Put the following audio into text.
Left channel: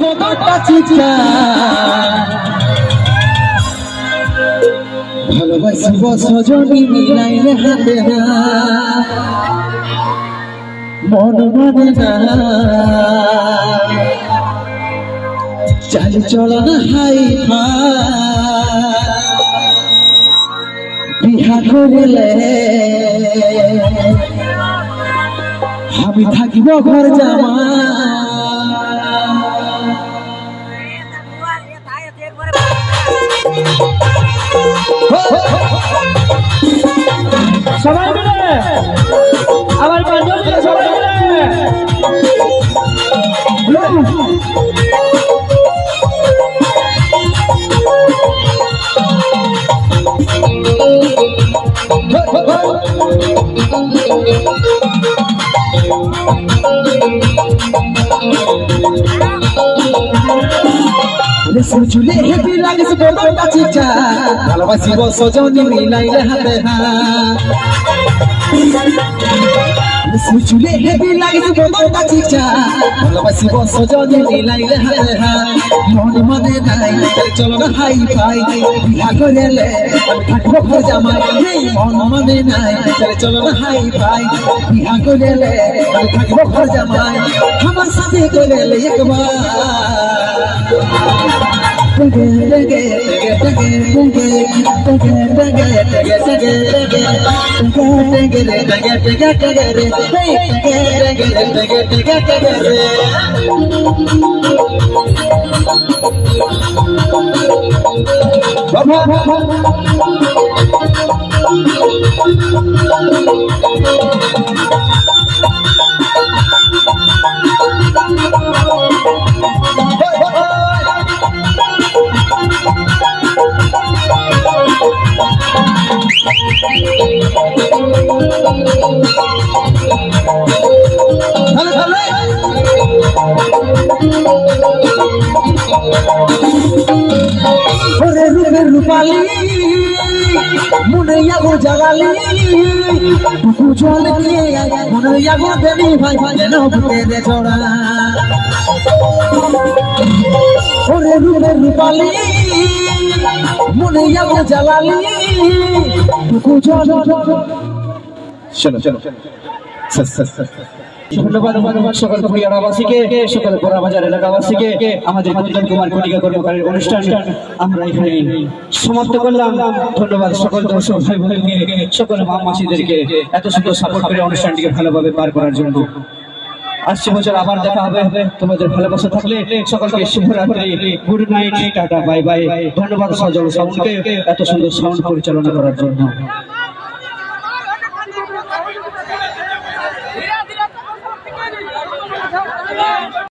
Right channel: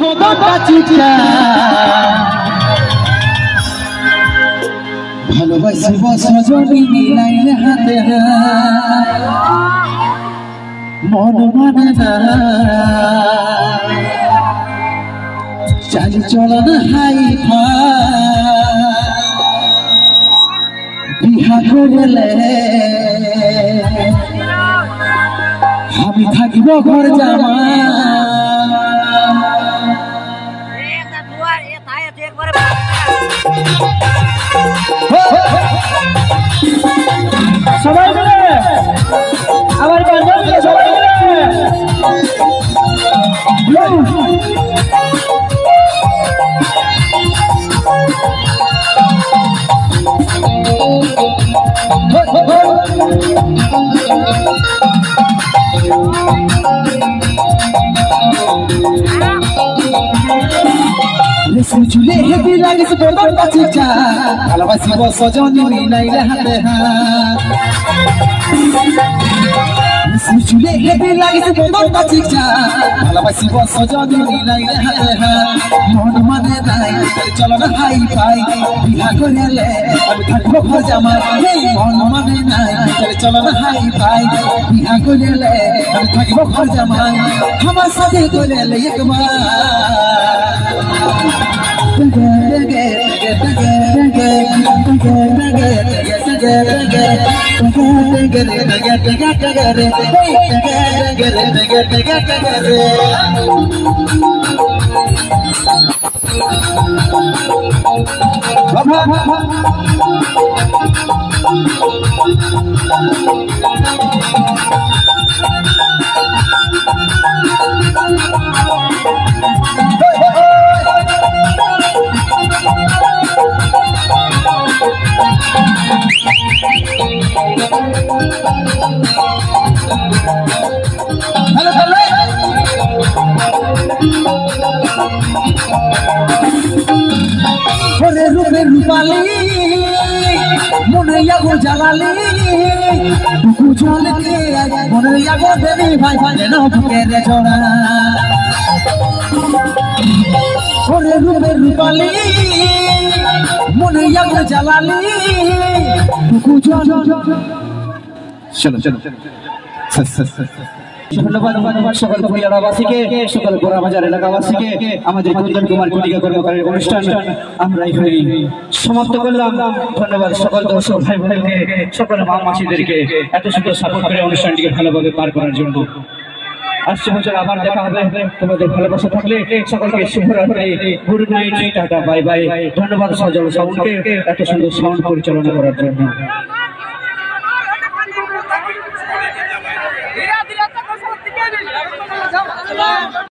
কতটা চিঠা ভালোবাসিব সজনী মিলাইলে হাতে না মন মানে না চাল চলন হাই বিহা করিলে আমি থাকিব ঘর জামা সবাই মিলে আমার বান্ধবী সবাই মিলে চুলে হেবি লাগিস বলটা চিঠা ভালোবাসিব সজনী মিলাইলে হাতে চুলে হেবি লাগিস বলটা চিঠা ভালোবাসিব সজনী মিলাইলে হাতে মন মানে নাই চলো না হাই পাই বিয়া করিলে আমি থাকবো ঘর জামাই মন মানে নাই চলো না হাই পাই বিয়া করিলে আমি থাকবো ঘর জামাই আমার সাথে করিলে একবার রূপালী মনে যাবো জ্বালালি জল দিয়ে মনে যাবো দেবী ভাই যেন বুকের ছড়া ওরে রূপের রূপালী মনে যাবো জ্বালালি জল চলো চলো ধন্যবাদ সকল ভূমিয়ারাবাসীকে সকল গোড়াবাজার এলাকাবাসীকে আমাদের কুন্দন কুমার কটিকা কর্মকারের অনুষ্ঠান আমরা এখানে সমাপ্ত করলাম। ধন্যবাদ সকল দর্শক ভাই বোনকে সকল মা মাসিদেরকে এত সুন্দর সাপোর্ট করে অনুষ্ঠানটিকে ভালোভাবে পার করার জন্য। আসছে বছর আবার দেখা হবে, তোমাদের ভালোবাসা থাকলে সকলকে শুভরাত্রি, good night, tata, bye bye. ধন্যবাদ সজল সাউন্ডকে এত সুন্দর সাউন্ড পরিচালনা করার জন্য।